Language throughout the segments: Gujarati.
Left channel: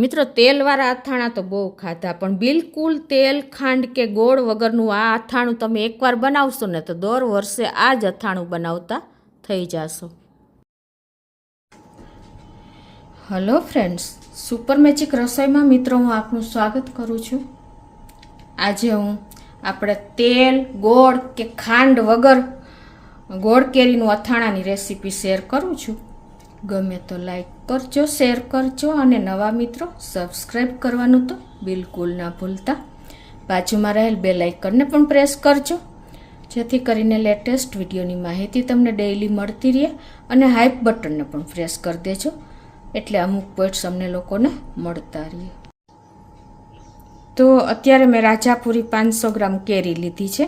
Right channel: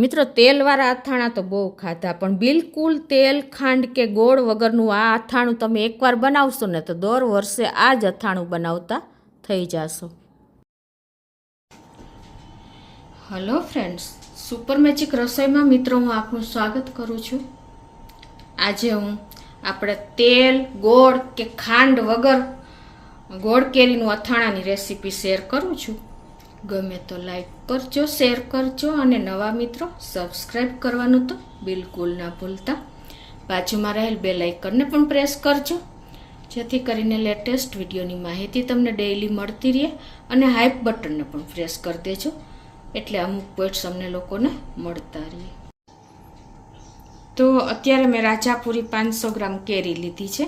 મિત્રો તેલવાળા અથાણા તો બહુ ખાધા, પણ બિલકુલ તેલ ખાંડ કે ગોળ વગરનું આ અથાણું તમે એકવાર બનાવશો ને તો દર વર્ષે આ જ અથાણું બનાવતા થઈ જશો. હેલો ફ્રેન્ડ્સ, સુપર મેજિક રસોઈમાં મિત્રો હું આપનું સ્વાગત કરું છું. આજે હું આપણે તેલ ગોળ કે ખાંડ વગર ગોળ કેરીનું અથાણાની રેસીપી શેર કરું છું. ગમે તો લાઈક કરજો, શેર કરજો અને નવા મિત્રો સબસ્ક્રાઈબ કરવાનું તો બિલકુલ ના ભૂલતા. બાજુમાં રહેલ બેલ આઇકનને પણ પ્રેસ કરજો, જેથી કરીને લેટેસ્ટ વિડીયોની માહિતી તમને ડેઈલી મળતી રહે. અને હાઈપ બટનને પણ પ્રેસ કરી દેજો, એટલે અમુક પોઈન્ટ્સ અમને લોકોને મળતા રહે. તો અત્યારે મેં રાજાપુરી 500 ગ્રામ કેરી લીધી છે.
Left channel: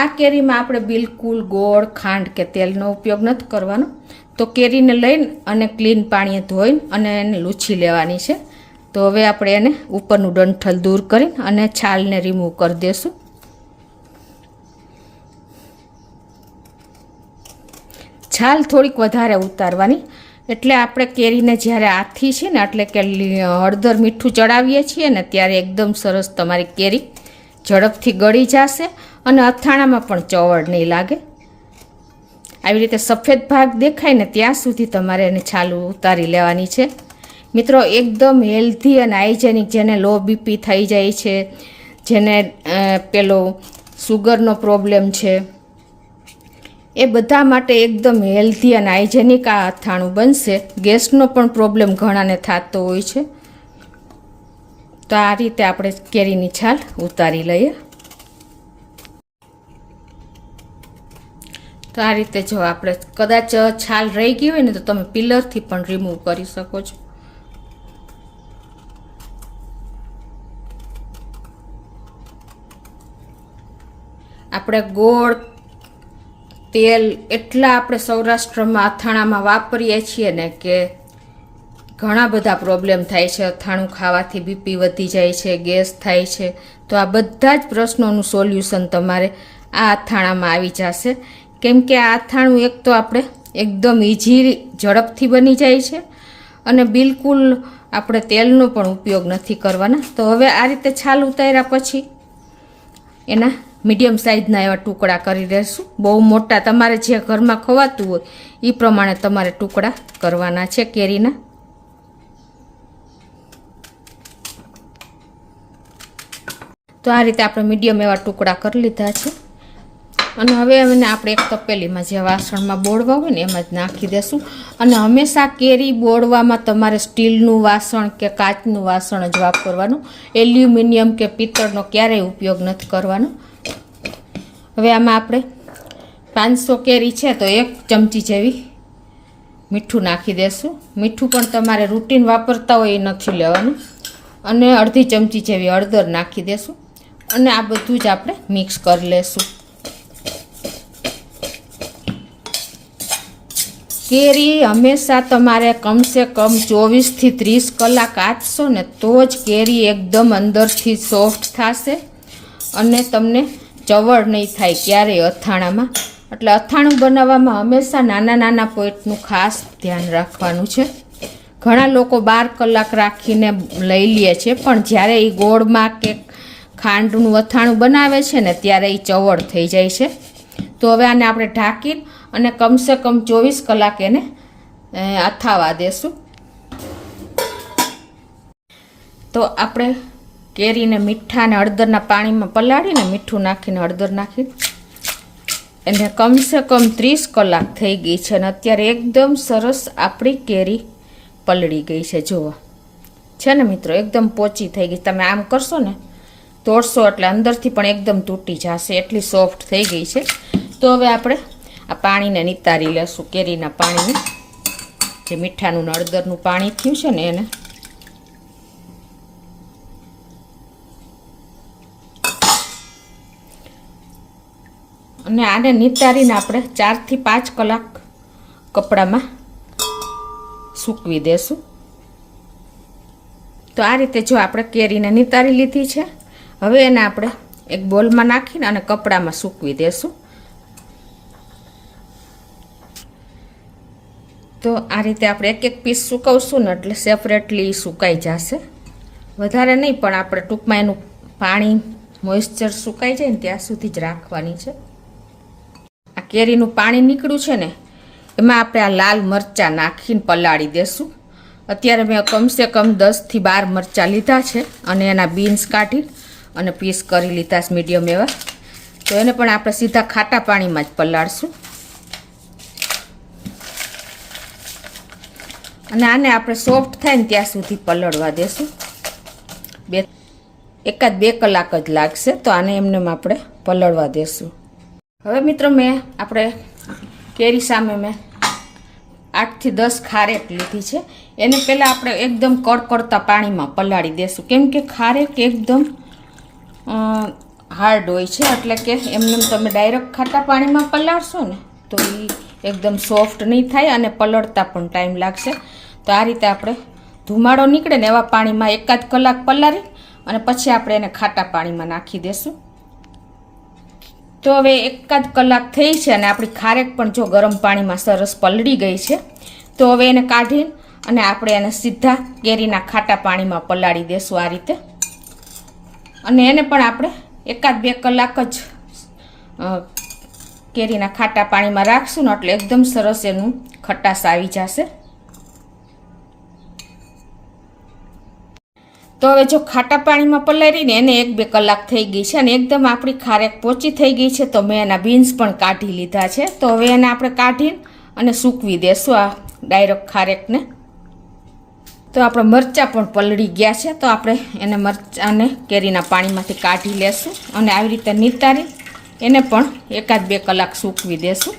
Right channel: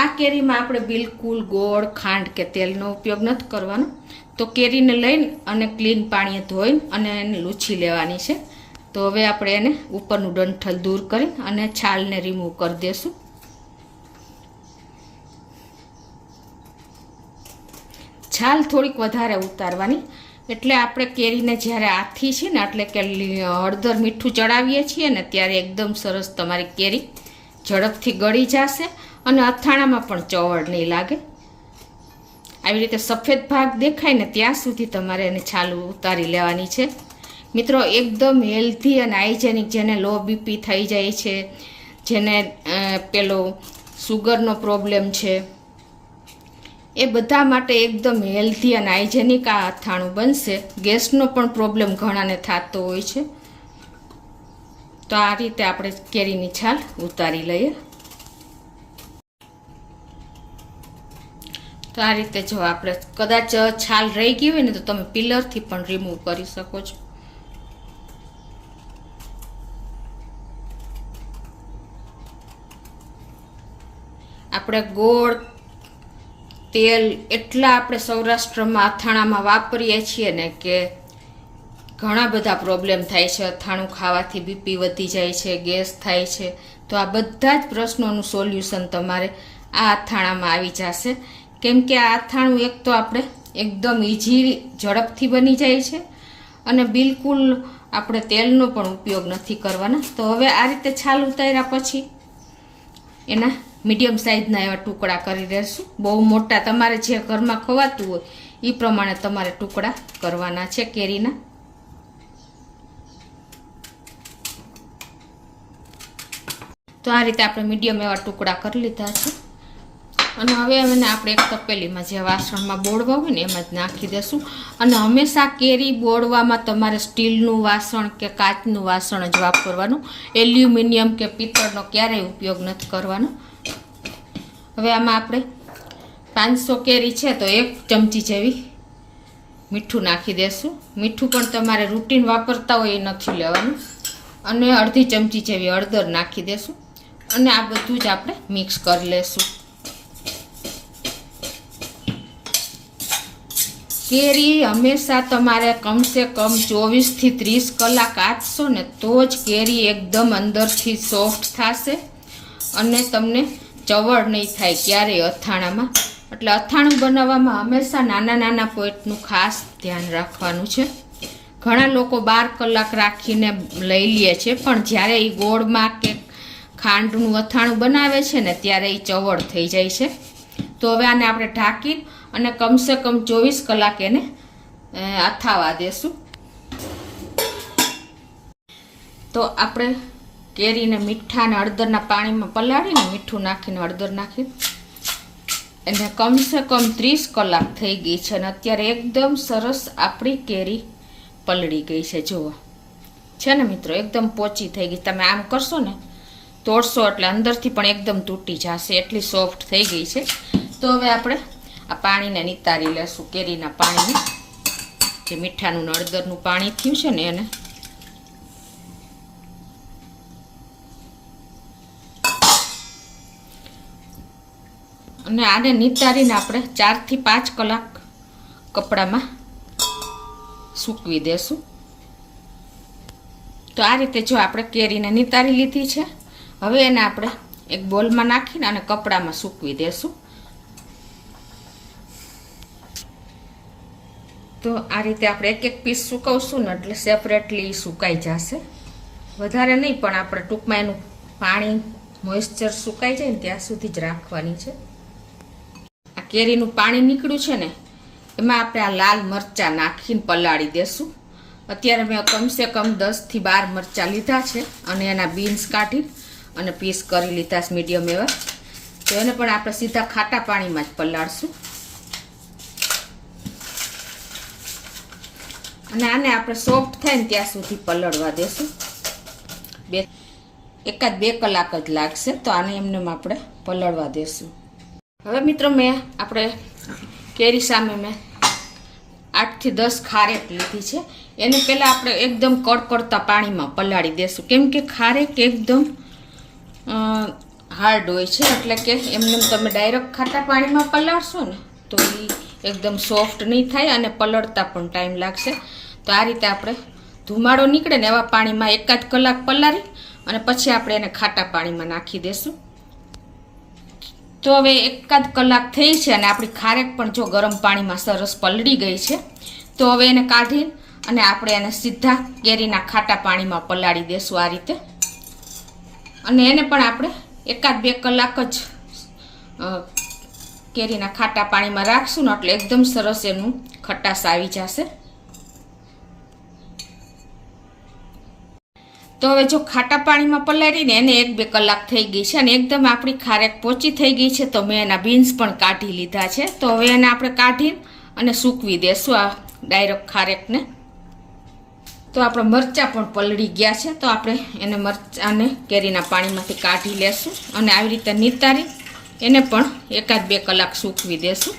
આ કેરીમાં આપણે બિલકુલ ગોળ ખાંડ કે તેલનો ઉપયોગ નથી કરવાનો. તો કેરીને લઈને અને ક્લીન પાણીએ ધોઈને અને એને લૂછી લેવાની છે. તો હવે આપણે એને ઉપરનું ડંઠલ દૂર કરીને અને છાલને રિમૂવ કરી દઈશું. છાલ થોડીક વધારે ઉતારવાની, એટલે આપણે કેરીને જ્યારે આથી છે ને એટલે કે હળદર મીઠું ચડાવીએ છીએ ને ત્યારે એકદમ સરસ તમારી કેરી ઝડપથી ગળી જશે અને અથાણામાં પણ ચવડ નહીં લાગે. આવી રીતે સફેદ ભાગ દેખાય ને ત્યાં સુધી તમારે એને છાલ ઉતારી લેવાની છે. મિત્રો એકદમ હેલ્ધી અને હાઇજેનિક, જેને લો બીપી થઈ જાય છે, જેને પેલો સુગરનો પ્રોબ્લેમ છે, એ બધા માટે એકદમ હેલ્ધી અને હાઇજેનિક આ અથાણું બનશે. ગેસનો પણ પ્રોબ્લેમ ઘણાને થતો હોય છે. તો આ રીતે આપણે કેરીની છાલ ઉતારી લઈએ. તો આ રીતે જો આપણે કદાચ છાલ રહી ગઈ હોય ને તો તમે પિલરથી પણ રિમૂવ કરી શકો છો. આપણે ગોળ તેલ એટલા આપણે સૌરાષ્ટ્રમાં અથાણામાં વાપરીએ છીએ ને કે ઘણા બધા પ્રોબ્લેમ થાય છે. અથાણું ખાવાથી બીપી વધી જાય છે, ગેસ થાય છે. તો આ બધા જ પ્રશ્નોનું સોલ્યુશન તમારે આ અથાણામાં આવી જશે. કેમ કે આ અથાણું એક તો આપણે એકદમ ઇઝી ઝડપથી બની જાય છે અને બિલકુલ આપણે તેલનો પણ ઉપયોગ નથી કરવાના. તો હવે આ રીતે છાલ ઉતાર્યા પછી એના મીડિયમ સાઇઝના એવા ટુકડા કરી દઈશું. બહુ મોટા તમારે જે ઘરમાં ખવાતું હોય એ પ્રમાણે તમારે ટુકડા કરવાના છે કેરીના. તો આ રીતે આપણે મીડિયમ એવા ટુકડા કરી લીધા છે. અને હવે એને આપણે એક તપેલીમાં જે વાસણમાં બોળવા હોય ને એમાં જ નાખી દેશું. અને હંમેશા કેરી બોળવામાં તમારે સ્ટીલનું વાસણ કે કાચનું વાસણ જ વાપરવાનું. એલ્યુમિનિયમ કે પિત્તળનો ક્યારેય ઉપયોગ નથી કરવાનો. હવે આમાં આપણે 500 કેરી છે તો 1 ચમચી જેવી મીઠું નાખી દેશું. મીઠું પણ તમારે રૂટીન વાપરતા હોય એ નથી લેવાનું. અને અડધી ચમચી જેવી હળદર નાખી દેશું. અને આ બધું જ આપણે મિક્સ કરી લેશું. કેરી હંમેશા તમારે કમસે કમ 24 થી 30 કલાક આંચશો ને તો જ કેરી એકદમ અંદરથી સોફ્ટ થશે અને તમને ચવડ નહીં થાય ક્યારેય અથાણામાં. એટલે અથાણું બનાવવામાં હંમેશા નાના નાના પોઈન્ટનું ખાસ ધ્યાન રાખવાનું છે. ઘણા લોકો 12 કલાક રાખીને લઈ લે છે, પણ જ્યારે એ ગોળમાં કે ખાંડનું અથાણું બનાવે છે ને ત્યારે એ ચવડ થઈ જાય છે. તો હવે આને આપણે ઢાંકી અને કમસે કમ 24 કલાક એને અથાવા દેશું. તો આપણે કેરીને મીઠા અને હળદરના પાણીમાં પલાળીને મીઠું નાખીને હળદર નાખી એને કમસે કમ 30 કલાક થઈ ગઈ છે. અને અત્યારે એકદમ સરસ આપણી કેરી પલળી ગઈ છે. જુઓ છે ને મિત્રો, એકદમ પોચી થઈ ગઈ. તમે આમ કરશો ને તોડશો એટલે અંદરથી પણ એકદમ તૂટી જશે, એટલી સોફ્ટ થઈ ગઈ છે. તો હવે આપણે આ પાણીને નિતારી લેશું. કેરીના પાણીને, જે મીઠાનું ને હળદરનું પાણી થયું છે ને એને. અને આને નિતારીને આપણે 4 થી 5 કલાક કપડામાં સૂકવી દેશું. તો આ રીતે જો આપણે કેરીને નિતારી લીધી છે. હવે એને આપણે એક બોલમાં નાખીને અને કપડામાં સૂકવી દેશું. તો આ રીતે આપણે એક એક પીસ સુકવશું ને એટલે સેપરેટલી સુકાઈ જશે, વધારે નહીં, પણ આપણે ટૂંકમાં એનું પાણી મોઇસ્ચર સુકાઈ જાય ને ત્યાં સુધી જ રાખવાની છે. આ કેરીનું પાણી નીકળ્યું છે ને એમાં આપણે આ લાલ મરચાં નાખીને પલાળી દેશું. અત્યારે મેં કમસે કમ 10 થી 12 મરચાં લીધા છે અને એના બીન્સ કાઢી અને પીસ કરી લીધા છે મીડિયમ એવા. તો એને પણ આપણે સીધા ખાટા પાણીમાં જ પલાળશું. અને આને આપણે સોફ્ટ થાય ને ત્યાં સુધી પલળવા દેશું. એકાદ 2 કલાક જ લાગશે, તો આને એમને આપણે પલળવા દેશું. હવે મિત્રો આપણે કેરી સામે મેં 8 થી 10 ખારેક લીધી છે. એને પહેલાં આપણે એકદમ કડકડતા પાણીમાં પલાળી દેશું, કેમ કે ખારેક એકદમ હાર્ડ હોય છે, એટલે કે એમને તમે ડાયરેક્ટ ખાટા પાણીમાં પલાળશો ને તો એ એકદમ સોફ્ટ નહીં થાય અને પલળતા પણ ટાઈમ લાગશે. તો આ રીતે આપણે ધુમાડો નીકળે ને એવા પાણીમાં એકાદ કલાક પલાળી અને પછી આપણે એને ખાટા પાણીમાં નાખી દેશું. તો હવે એકાદ કલાક થઈ છે અને આપણી ખારેક પણ જો ગરમ પાણીમાં સરસ પલળી ગઈ છે. તો હવે એને કાઢી અને આપણે એને સીધા કેરીના ખાટા પાણીમાં પલાળી દેશું આ રીતે. અને એને પણ આપણે એકાદ 2 કલાક જ કેરીના ખાટા પાણીમાં રાખશું ને એટલે એકદમ સરસ એનું ખટાશ આવી જશે. તો હવે જો ખાટા પાણીમાં પલાળીને એને 1-2 કલાક થઈ ગઈ છે અને એકદમ આપણી ખારેક પોચી થઈ ગઈ છે. તો મેં એના બીન્સ પણ કાઢી લીધા છે. તો હવે એને આપણે કાઢી અને સૂકવી દેશું આ ડાયરેક્ટ ખારેકને. તો આપણે મરચાં પણ પલળી ગયા છે, તો આપણે એને મરચાંને કેરીના પાણીમાંથી કાઢી લેશું અને આવી રીતે નિતારી એને પણ એકાદ 2 કલાક સૂકવી દેશું.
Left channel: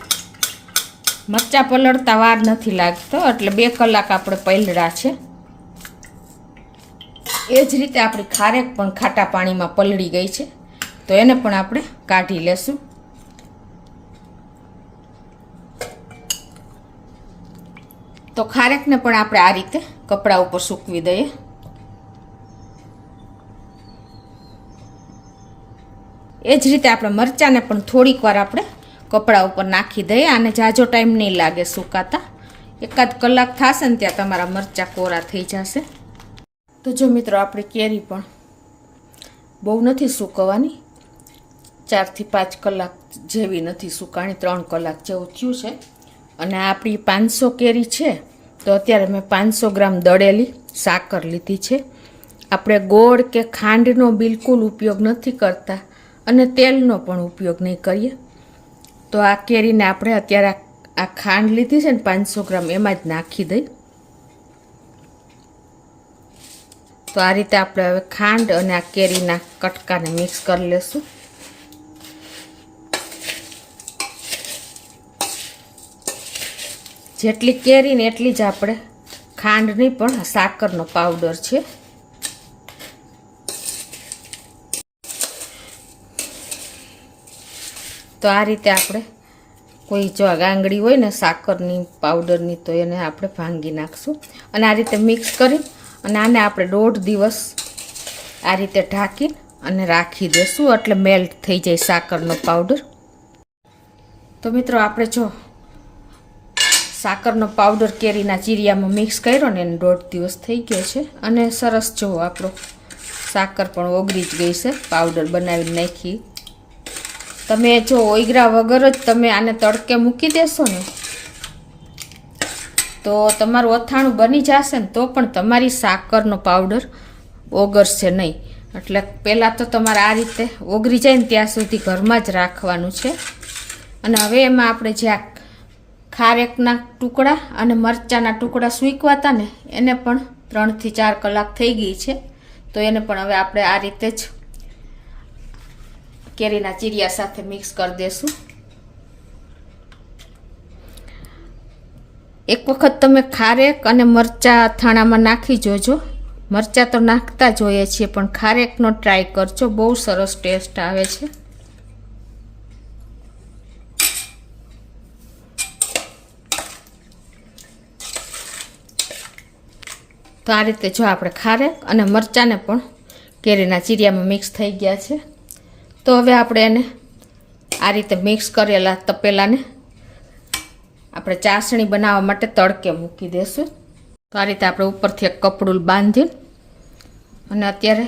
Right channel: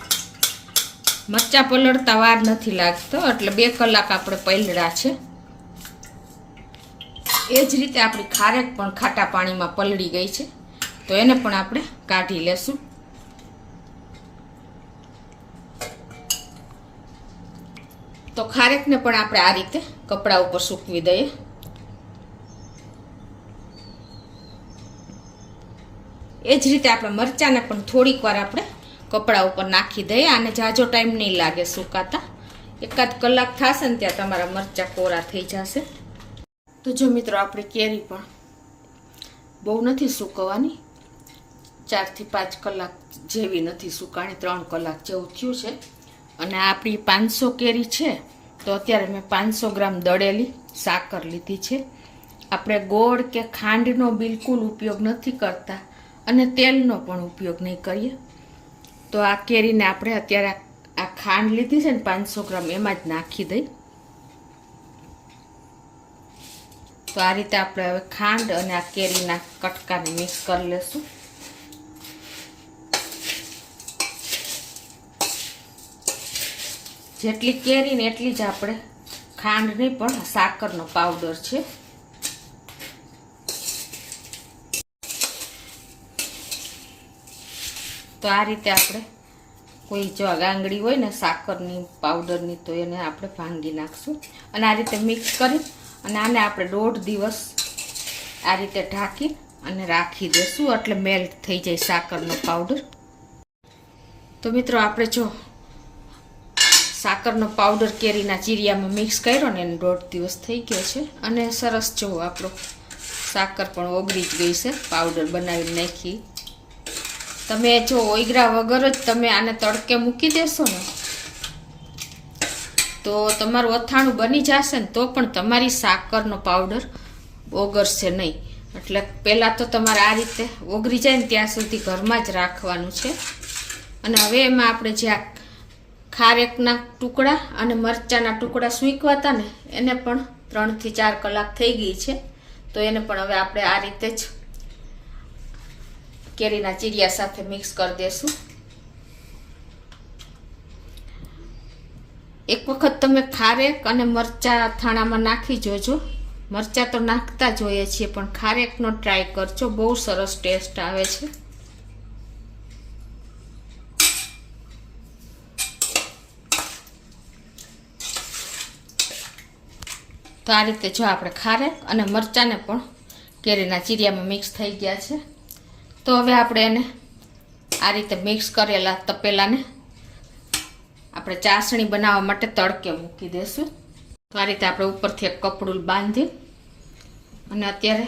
મરચાં પલળતા વાર નથી લાગતો, એટલે 2 કલાક આપણે પલળ્યા છે. એ જ રીતે આપણી ખારેક પણ ખાટા પાણીમાં પલળી ગઈ છે, તો એને પણ આપણે કાઢી લેશું. તો ખારેકને પણ આપણે આ રીતે કપડા ઉપર સૂકવી દઈએ. એ જ રીતે આપણે મરચાંને પણ થોડીક વાર આપણે કપડા ઉપર નાખી દઈએ. આને જાજો ટાઈમ નહીં લાગે સુકાતા, એકાદ કલાક થશે ને ત્યાં તમારા મરચાં કોરા થઈ જશે. તો જો મિત્રો આપણી કેરી પણ બહુ નથી સૂકવવાની, 4 થી 5 કલાક જેવી નથી સુકાણી, 3 કલાક જેવું થયું છે. અને આપણી 500 કેરી છે, તો અત્યારે મેં 500 ગ્રામ દળેલી સાકર લીધી છે. આપણે ગોળ કે ખાંડનો બિલકુલ ઉપયોગ નથી કરતા અને તેલનો પણ ઉપયોગ નહીં કરીએ. તો આ કેરીને આપણે અત્યારે આ ખાંડ લીધી છે ને 500 ગ્રામ એમાં જ નાખી દઈ. તો આ રીતે આપણે હવે ખાંડ અને આ કેરીના કટકાને મિક્સ કરી લેશું. જેટલી કેરી ને એટલી જ આપણે ખાંડની પણ સાકરનો પાવડર છે. તો આ રીતે આપણે કોઈ જો ગાંગડી હોય ને સાકરની પાવડરની, તો એને આપણે ભાંગી નાખશું અને આ રીતે મિક્સ કરી અને આને આપણે 1.5 દિવસ આ રીતે ઢાંકી અને રાખી દેશું, એટલે મેલ્ટ થઈ જાય સાકરનો પાવડર. તો મિત્રો આપણે જો સાકરનો પાવડર કેરીના ચીરિયામાં મિક્સ કર્યો ને એને 1.5 દિવસ થઈ ગયો છે અને સરસ જો આપણો સાકર પણ ઓગળી જ ગઈ છે, પાવડર બનાવી નાખી. તમે જો ઓગળ્યા વગર જ તમે આને તડકે મૂકી દેશો ને તો તમારું અથાણું બની જશે ને તો પણ તમારી સાકરનો પાવડર ઓગળશે નહીં. એટલે પહેલાં તો તમારે આ રીતે ઓગળી જાય ને ત્યાં સુધી ઘરમાં જ રાખવાનું છે. અને હવે એમાં આપણે જે આ ખારેકના ટુકડા અને મરચાંના ટુકડા સૂકવા હતા ને એને પણ 3 થી 4 કલાક થઈ ગઈ છે. તો એને પણ હવે આપણે આ રીતે જ કેરીના ચીરિયા સાથે મિક્સ કરી દેશું. એક વખત તમે ખારેક અને મરચાં અથાણામાં નાખી જોજો. મરચાં તો નાખતા જ હોઈએ છીએ, પણ ખારેકનો ટ્રાય કરજો, બહુ સરસ ટેસ્ટ આવે છે. તો આ રીતે જો આપણે ખારેક અને મરચાંને પણ કેરીના ચીરિયામાં મિક્સ થઈ ગયા છે. તો હવે આપણે એને આ રીતે મિક્સ કરેલા તપેલાને આપણે ચાસણી બનાવવા માટે તડકે મૂકી દેશું. તો આ રીતે આપણે ઉપરથી એક કપડું બાંધી અને અત્યારે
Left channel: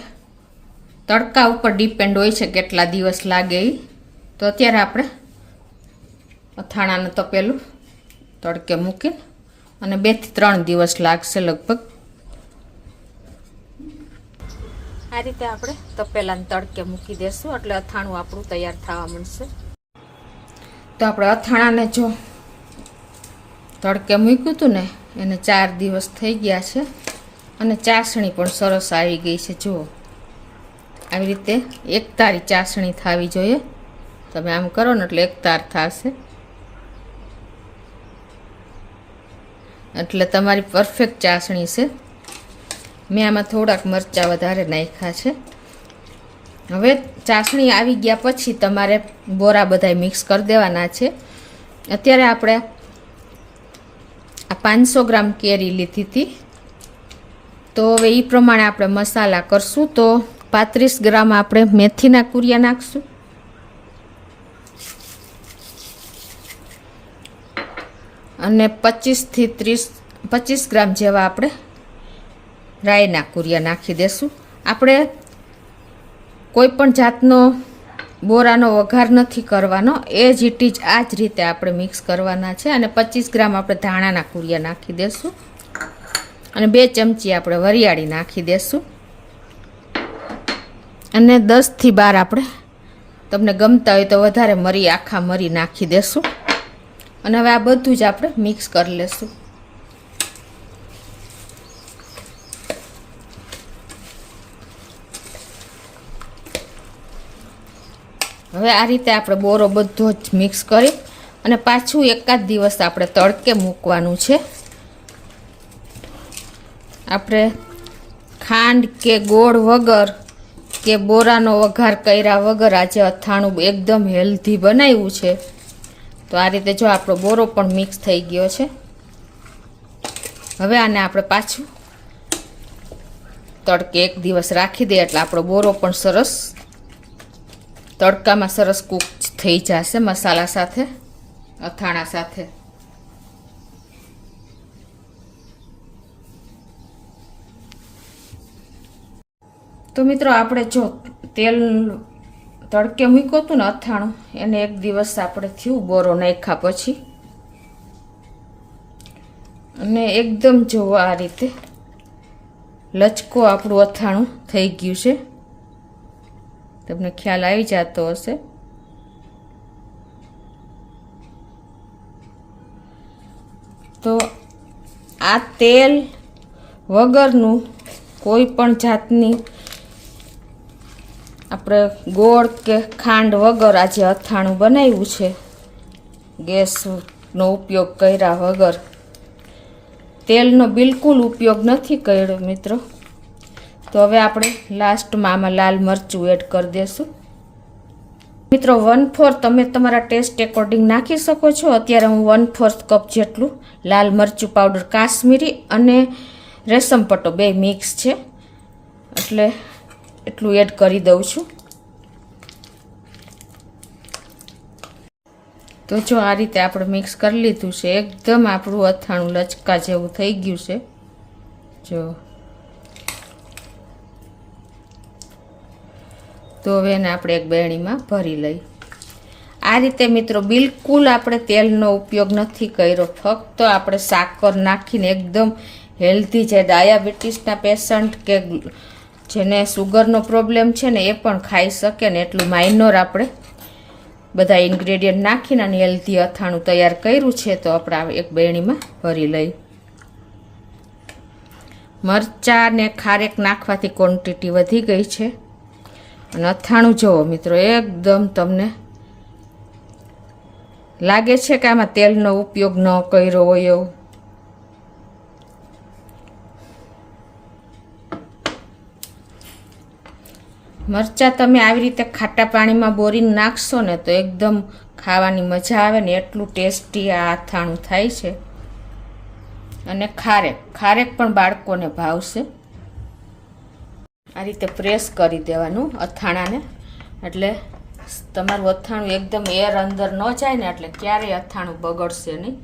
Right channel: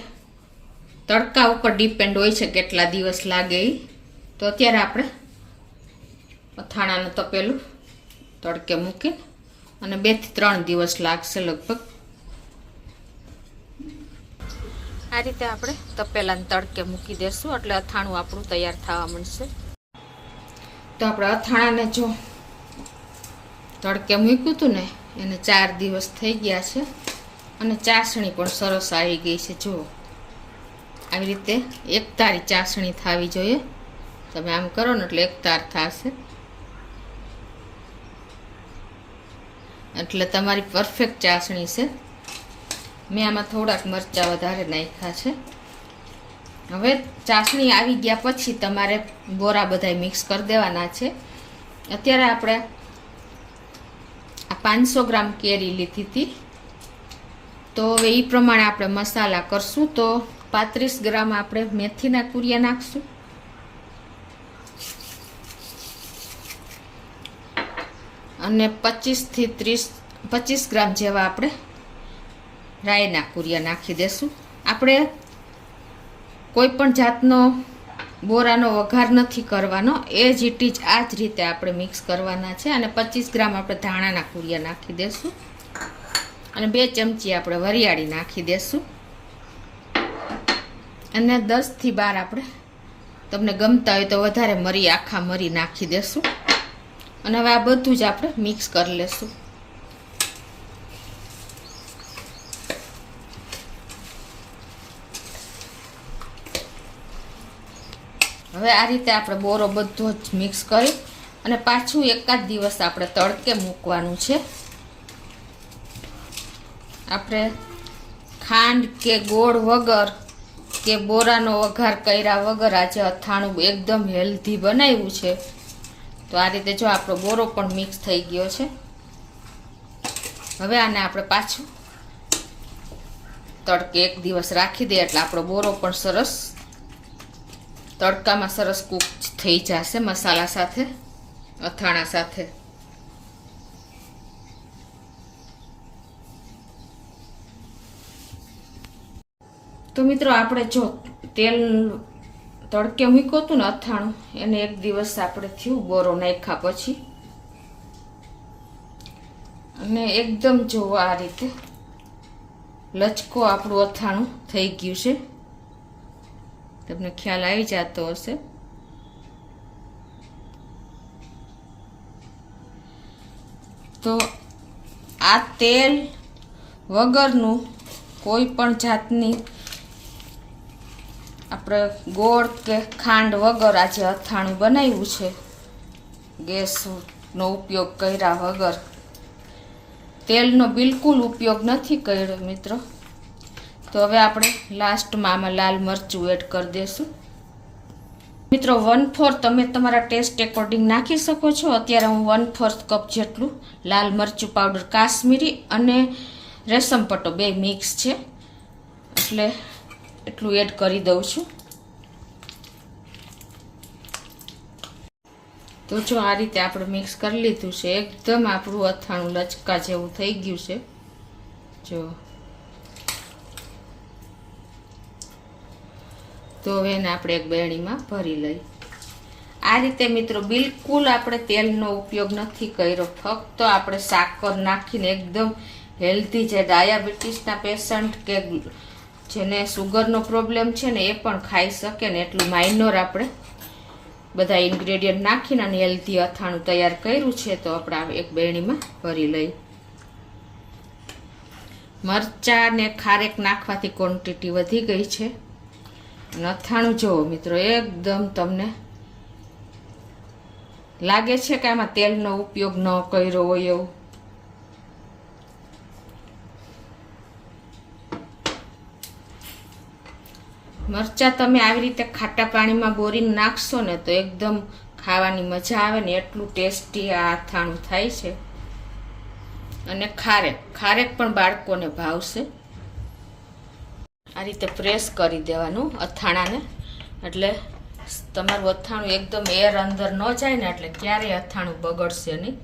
તડકા ઉપર ડિપેન્ડ હોય છે કેટલા દિવસ લાગે એ. તો અત્યારે આપણે અથાણાનું તપેલું તડકે મૂકીને અને 2 થી 3 દિવસ લાગશે લગભગ. આ રીતે આપણે તપેલાને તડકે મૂકી દેશું એટલે અથાણું આપણું તૈયાર થવા માંડશે. તો આપણે અથાણાને જો તડકે મૂક્યું હતું ને એને 4 દિવસ થઈ ગયા છે અને ચાસણી પણ સરસ આવી ગઈ છે. જુઓ આવી રીતે એક તારી ચાસણી થવી જોઈએ. તમે આમ કરો ને એટલે એક તાર થશે એટલે તમારી પરફેક્ટ ચાસણી છે. મેં આમાં થોડાક મરચાં વધારે નાખ્યા છે. હવે ચાસણી આવી ગયા પછી તમારે બોરા બધાય મિક્સ કરી દેવાના છે. અત્યારે આપણે આ 500 ગ્રામ કેરી લીધી હતી તો હવે એ પ્રમાણે આપણે મસાલા કરશું. તો 35 ગ્રામ આપણે મેથીના કુરિયા નાખશું, અને 25 થી 25 ગ્રામ જેવા આપણે રાઈના કુરિયા નાખી દેશું. આપણે કોઈ પણ જાતનો બોરાનો વઘાર નથી કરવાનો, એ જ ઇટ ઇઝ આ જ રીતે આપણે મિક્સ કરવાના છે. અને 25 ગ્રામ આપણે ધાણાના કુરિયા નાખી દેશું અને 2 ચમચી આપણે વરિયાળી નાખી દેશું અને 10 થી 12 આપણે તમને ગમતા હોય તો વધારે મરી, આખા મરી નાખી દેશું. અને હવે આ બધું જ આપણે મિક્સ કરી લેશું. હવે આ રીતે આપણે બોરો બધો જ મિક્સ કરી અને પાછું એકાદ દિવસ આપણે તડકે મૂકવાનું છે. આપણે ખાંડ કે ગોળ વગર કે બોરાનો વઘાર કર્યા વગર આજે અથાણું એકદમ હેલ્ધી બનાવ્યું છે. તો આ રીતે જો આપણો બોરો પણ મિક્સ થઈ ગયો છે. હવે આને આપણે પાછું તડકે એક દિવસ રાખી દઈએ એટલે આપણો બોરો પણ સરસ તડકામાં સરસ કૂક થઈ જશે મસાલા સાથે, અથાણા સાથે. તો મિત્રો આપણે જો તેલ તડકે મૂક્યું હતું ને અથાણું, એને એક દિવસ આપણે થયું બોરો નાખ્યા પછી, અને એકદમ જોવો આ રીતે લચકો આપણું અથાણું થઈ ગયું છે. તમને ખ્યાલ આવી જતો હશે. તો આ તેલ વગરનું કોઈ પણ જાતની આપણે ગોળ કે ખાંડ વગર આજે અથાણું બનાવ્યું છે, ગેસનો ઉપયોગ કર્યા વગર. તેલનો બિલકુલ ઉપયોગ નથી કર્યો મિત્રો. તો હવે આપણે લાસ્ટમાં આમાં લાલ મરચું એડ કરી દેશું. મિત્રો 1/4 તમે તમારા ટેસ્ટ એકોર્ડિંગ નાખી શકો છો. અત્યારે હું 1/4 કપ જેટલું લાલ મરચું પાવડર, કાશ્મીરી અને રેશમ પટ્ટો 2 મિક્સ છે એટલે એટલું એડ કરી દઉં છું. તો જો આ રીતે આપણે મિક્સ કરી લીધું છે. એકદમ આપણું અથાણું લચકા જેવું થઈ ગયું છે. જો તો હવે એને આપણે એક બેણીમાં ભરી લઈ. આ રીતે મિત્રો બિલકુલ આપણે તેલનો ઉપયોગ નથી કર્યો, ફક્ત આપણે સાકર નાખીને એકદમ હેલ્ધી છે. ડાયાબિટીસના પેશન્ટ કે જેને સુગરનો પ્રોબ્લેમ છે ને એ પણ ખાઈ શકે ને એટલું માઇનોર આપણે બધા ઇન્ગ્રેડિયન્ટ નાખીને અને હેલ્ધી અથાણું તૈયાર કર્યું છે. તો આપણે એક બેણીમાં ભરી લઈ. મરચાં ને ખારેક નાખવાથી ક્વોન્ટિટી વધી ગઈ છે. અને અથાણું જુઓ મિત્રો એકદમ તમને લાગે છે કે આમાં તેલનો ઉપયોગ ન કર્યો હોય એવું. મરચાં તમે આવી રીતે ખાટા પાણીમાં બોરીને નાખશો ને તો એકદમ ખાવાની મજા આવે ને એટલું ટેસ્ટી આ અથાણું થાય છે. અને ખારેક પણ બાળકોને ભાવશે. આ રીતે પ્રેસ કરી દેવાનું અથાણાને એટલે તમારું અથાણું એકદમ એર અંદર ન જાય ને એટલે ક્યારેય અથાણું બગડશે નહીં.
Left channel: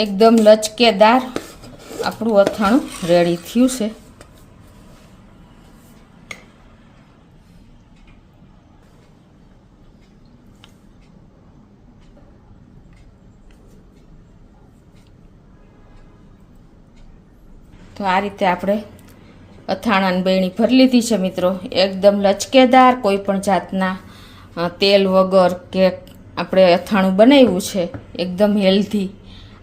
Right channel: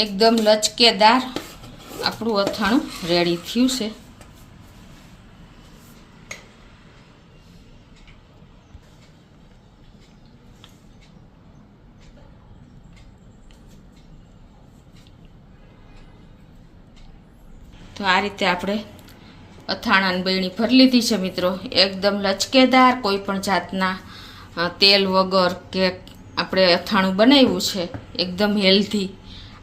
એકદમ લચકેદાર આપણું અથાણું રેડી થયું છે. તો આ રીતે આપણે અથાણાની બેણી ભરી લીધી છે મિત્રો. એકદમ લચકેદાર, કોઈ પણ જાતના તેલ વગર કે આપણે અથાણું બનાવ્યું છે, એકદમ હેલ્ધી.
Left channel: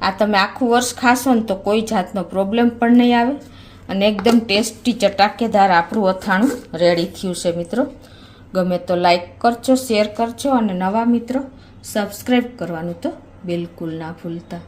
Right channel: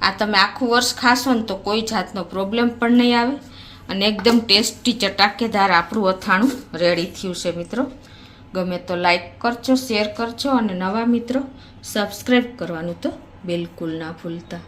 આ તમે આખું વર્ષ ખાશો ને તો કોઈ જાતનો પ્રોબ્લેમ પણ નહીં આવે અને એકદમ ટેસ્ટી ચટાકેદાર આપણું અથાણું રેડી થયું છે મિત્રો. ગમે તો લાઈક કરજો, શેર કરજો અને નવા મિત્રો સબસ્ક્રાઈબ કરવાનું તો બિલકુલ ના ભૂલતા.